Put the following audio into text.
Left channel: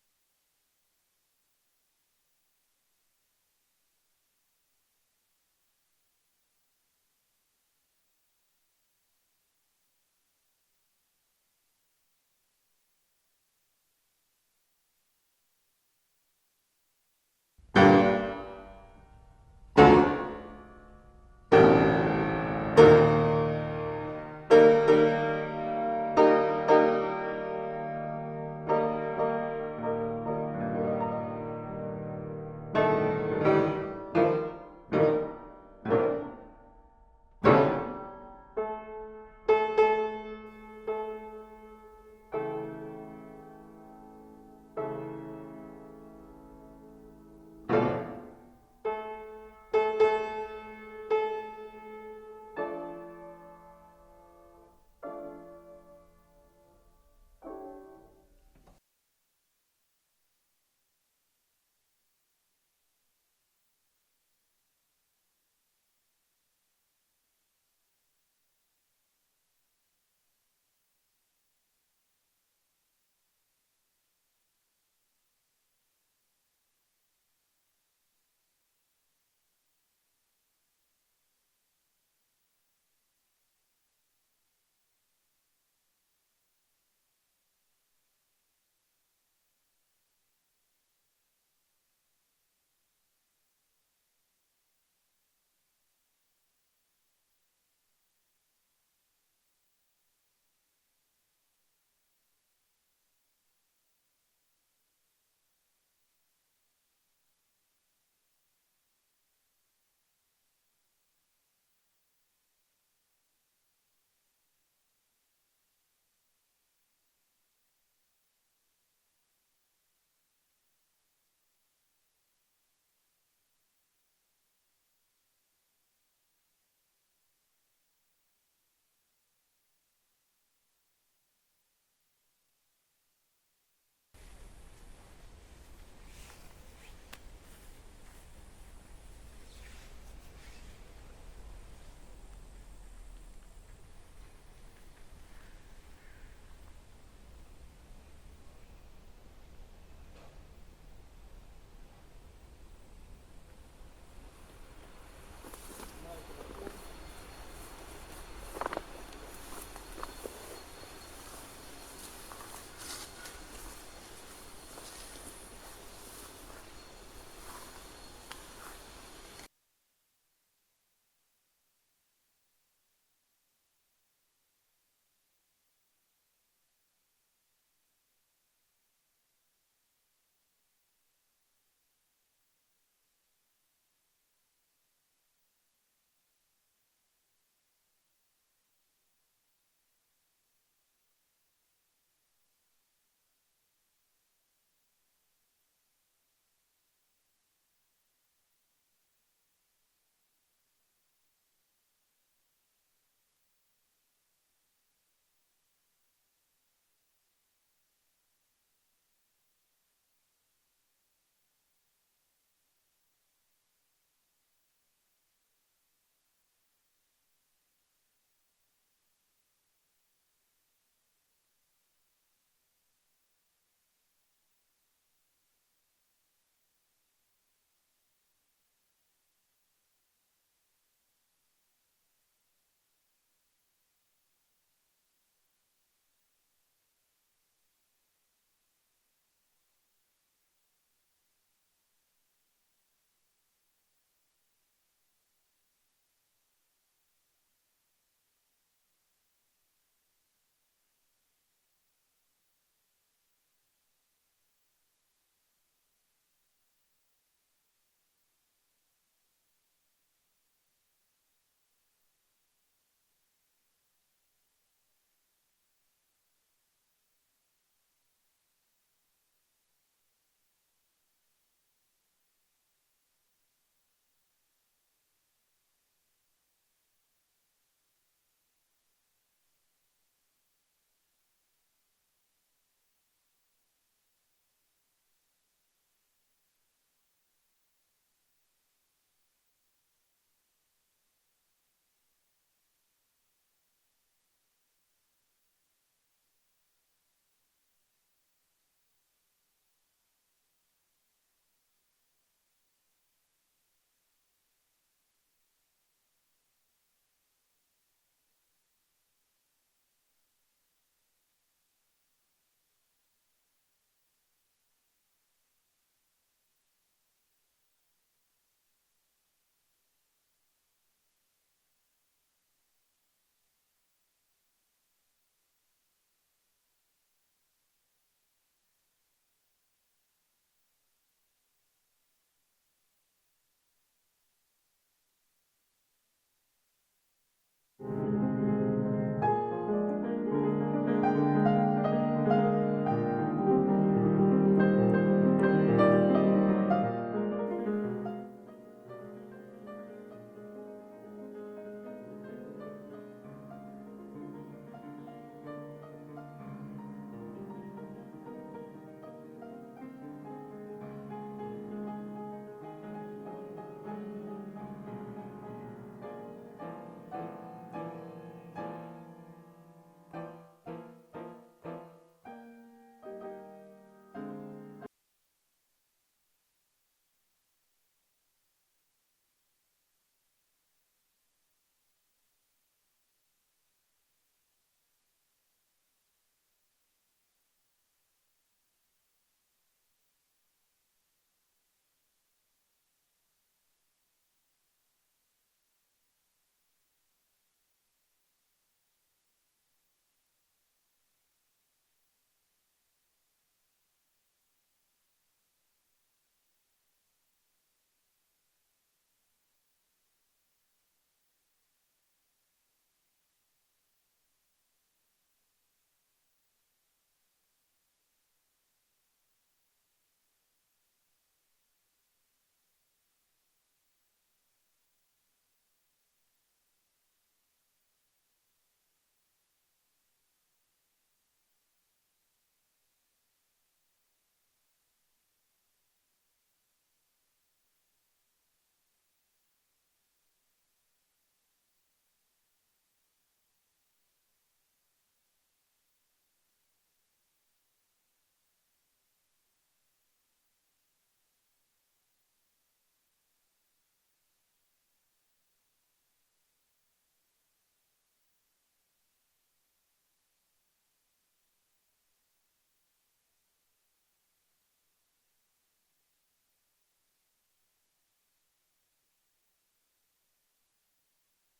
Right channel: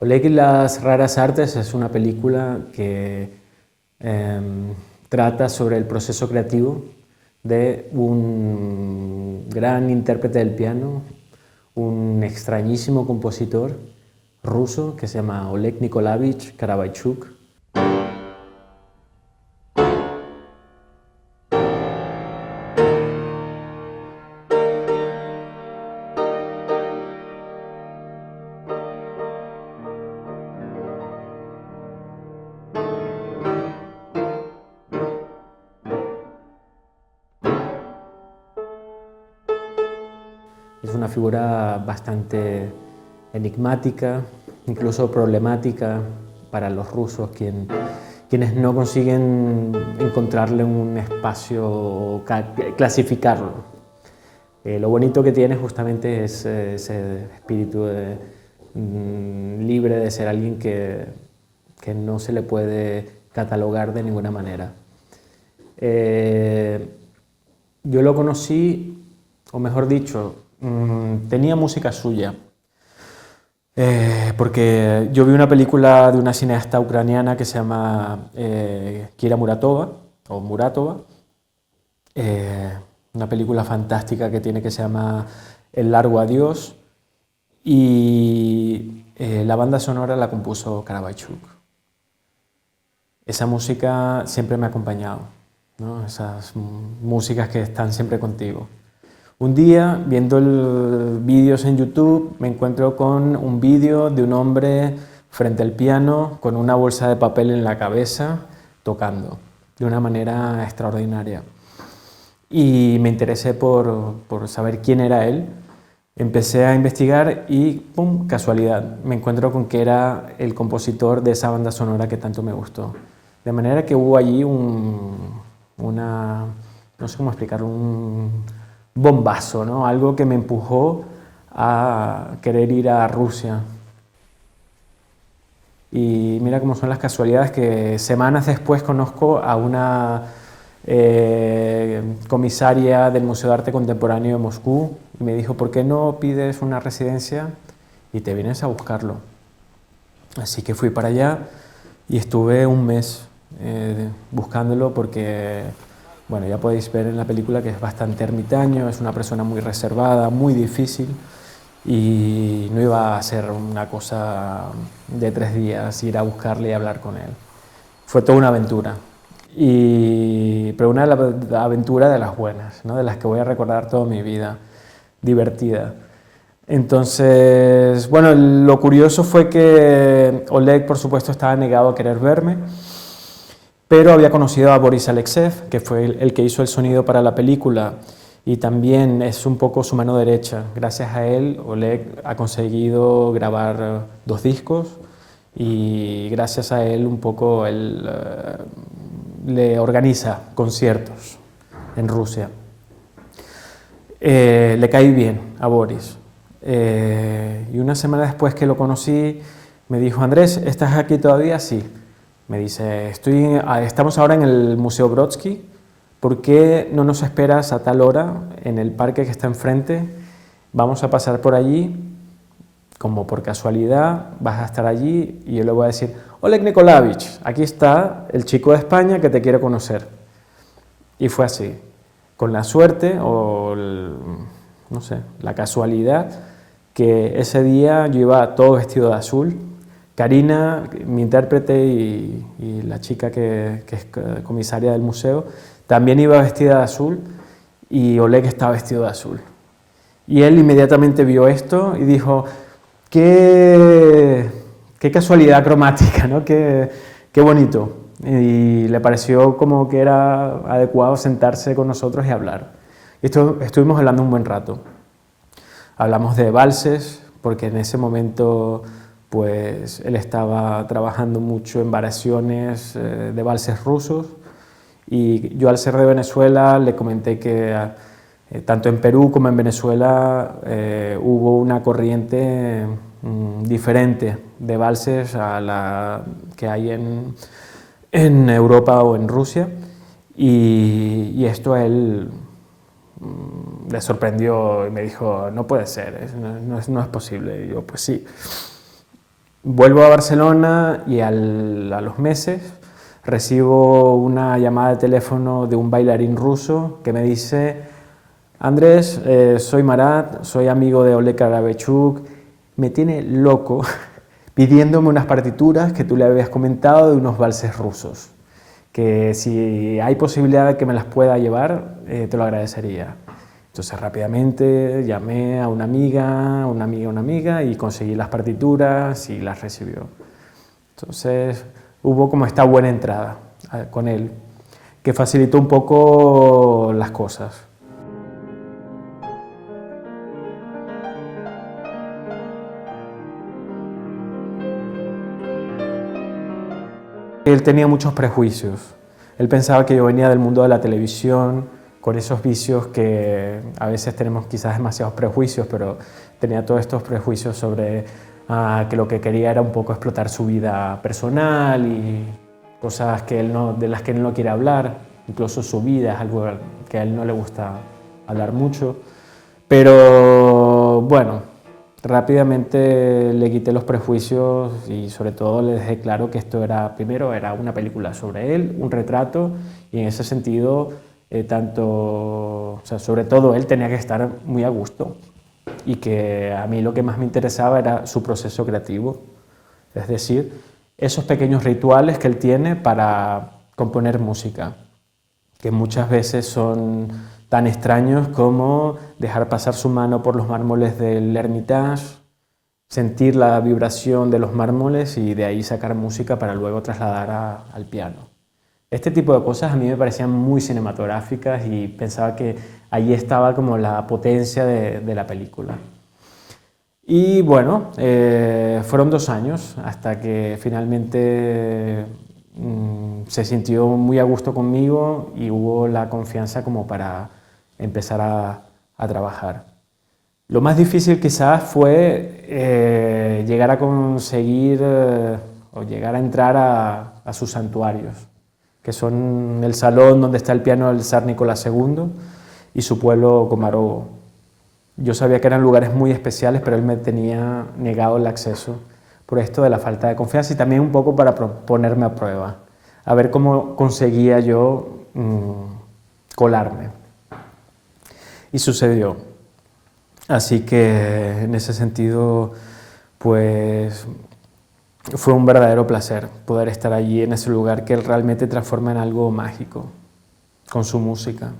Oleg y las raras artes es una película que trata sobre el proceso creativo de un gran intérprete del piano, un extrañísimo compositor ruso que se llama Oleg Nikolaevich Karabaichuk. Es una figura bastante enigmática, incluso problemática para los rusos, quienes no consiguen encontrarle un espacio o clasificarlo. Lo bonito que tiene justamente es ese espíritu libre de ser alguien que no se le puede catalogar de ninguna manera. Eh, yo lo conocí, o mejor dicho, tenía música suya, porque yo vi una película de una cineasta ucraniana que se llama Kira Muratova, o Muratova, eh, una película fantástica que tiene que se llama El largo adiós, y la banda sonora la compuso Karabaichuk. Esa música siempre me ha acompañado, ¿no? Esas músicas que están siempre contigo. Un día, viendo vídeos en YouTube, me encuentro con un vídeo de un hombre frente al piano con una bolsa de papel en la cabeza tocando de una manera extraordinaria. Y me interesé por saber quién era él. Empecé a investigar y, ¡pum!, casualidad, me encuentro con que era el compositor de esa banda sonora que tanto me gustó. De manera que hubo allí no sé cómo explicarlo, un bombazo, ¿no? Algo que me empujó a querer ir a Rusia. Y mira cómo son las casualidades que semanas después conozco a una comisaria del Museo de Arte Contemporáneo de Moscú y me dijo, ¿por qué no pides una residencia y te vienes a buscarlo? Así que fui para allá y estuve un mes buscándolo porque, bueno, ya podéis ver en la película que es bastante ermitaño, es una persona muy reservada, muy difícil, y no iba a ser una cosa de 3 días ir a buscarle y hablar con él. Fue toda una aventura, pero una aventura de las buenas, ¿no? De las que voy a recordar toda mi vida, divertida. Entonces, bueno, lo curioso fue que Oleg, por supuesto, estaba negado a querer verme, pero había conocido a Boris Alexev, que fue el que hizo el sonido para la película, y también es un poco su mano derecha. Gracias a él, Oleg ha conseguido grabar 2 discos, y gracias a él un poco él le organiza conciertos en Rusia. Le caí bien a Boris. Y una semana después que lo conocí, me dijo, Andrés, ¿estás aquí todavía? Sí. Me dice, estamos ahora en el Museo Brodsky, ¿por qué no nos esperas a tal hora en el parque que está enfrente? Vamos a pasar por allí, como por casualidad, vas a estar allí y yo le voy a decir, Oleg Nikolaevich, aquí está el chico de España que te quiere conocer. Y fue así, con la suerte o, no sé, la casualidad, que ese día yo iba todo vestido de azul. Karina, mi intérprete y la chica que es comisaria del museo, también iba vestida de azul y Oleg estaba vestido de azul. Y él inmediatamente vio esto y dijo, qué casualidad cromática, ¿no? Qué bonito. Y le pareció como que era adecuado sentarse con nosotros y hablar. Estuvimos hablando un buen rato. Hablamos de valses, porque en ese momento pues él estaba trabajando mucho en variaciones de valses rusos, y yo, al ser de Venezuela, le comenté que tanto en Perú como en Venezuela hubo una corriente diferente de valses a la que hay en Europa o en Rusia, y esto a él le sorprendió y me dijo, no puede ser, no es posible. Y yo, pues sí. Vuelvo a Barcelona y a los meses recibo una llamada de teléfono de un bailarín ruso que me dice: Andrés, soy Marat, soy amigo de Oleg Karabechuk, me tiene loco pidiéndome unas partituras que tú le habías comentado de unos valses rusos, que si hay posibilidad de que me las pueda llevar, te lo agradecería. Entonces rápidamente llamé a una amiga y conseguí las partituras y las recibió. Entonces hubo como esta buena entrada con él, que facilitó un poco las cosas. Él tenía muchos prejuicios. Él pensaba que yo venía del mundo de la televisión, con esos vicios que a veces tenemos quizás demasiados prejuicios, pero tenía todos estos prejuicios sobre que lo que quería era un poco explotar su vida personal y cosas que de las que él no quiere hablar, incluso su vida es algo que a él no le gusta hablar mucho. Pero bueno, rápidamente le quité los prejuicios y sobre todo le dejé claro que esto era, primero, era una película sobre él, un retrato, y en ese sentido, o sea, sobre todo él tenía que estar muy a gusto y que a mí lo que más me interesaba era su proceso creativo, es decir, esos pequeños rituales que él tiene para componer música, que muchas veces son tan extraños como dejar pasar su mano por los mármoles del Hermitage, sentir la vibración de los mármoles y de ahí sacar música para luego trasladar al piano. Este tipo de cosas a mí me parecían muy cinematográficas y pensaba que allí estaba como la potencia de la película. Y bueno, fueron 2 años hasta que finalmente se sintió muy a gusto conmigo y hubo la confianza como para empezar a trabajar. Lo más difícil quizás fue llegar a conseguir o llegar a entrar a sus santuarios, que son el salón donde está el piano del zar Nicolás II y su pueblo Komarovo. Yo sabía que eran lugares muy especiales, pero él me tenía negado el acceso por esto de la falta de confianza y también un poco para ponerme a prueba, a ver cómo conseguía yo colarme. Y sucedió. Así que en ese sentido, pues fue un verdadero placer poder estar allí en ese lugar que él realmente transforma en algo mágico con su música.